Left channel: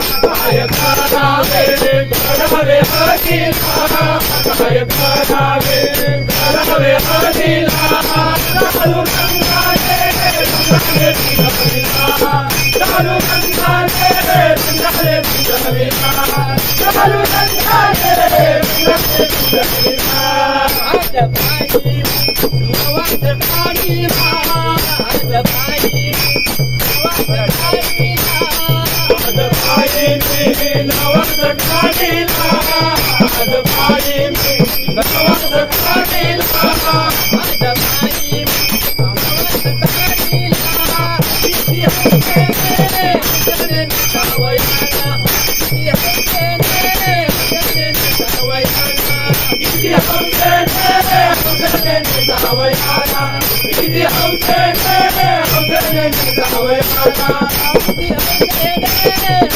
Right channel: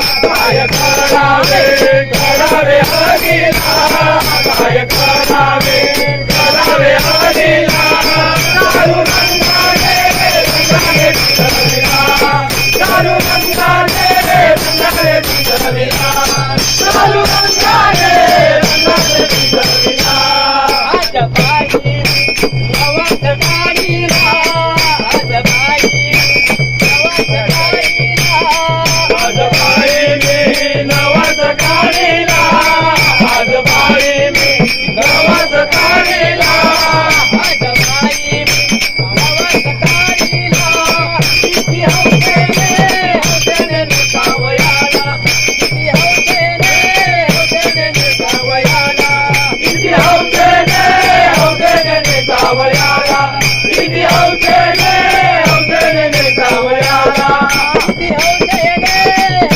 काय करावे करावे हरीला काय करावे करावे हरीला दारू रंगाने रंगाने भिजविला दारू रंगाने रंगाने भिजविला दारू रंगाने रंगाने भिजविला आज बाई नवस काढीला आज बाई नवस काढीला आज बाई मी नवस काढीला आज बाई मी नवस काढीला आज बाई नवस काढीला किती हौसेने हौसेने निसावयाला किती हौसेने हौसेने निसावयाला किती हौसेने हौसेने निसावयाला किती हौसेने हौसेने निसावयाला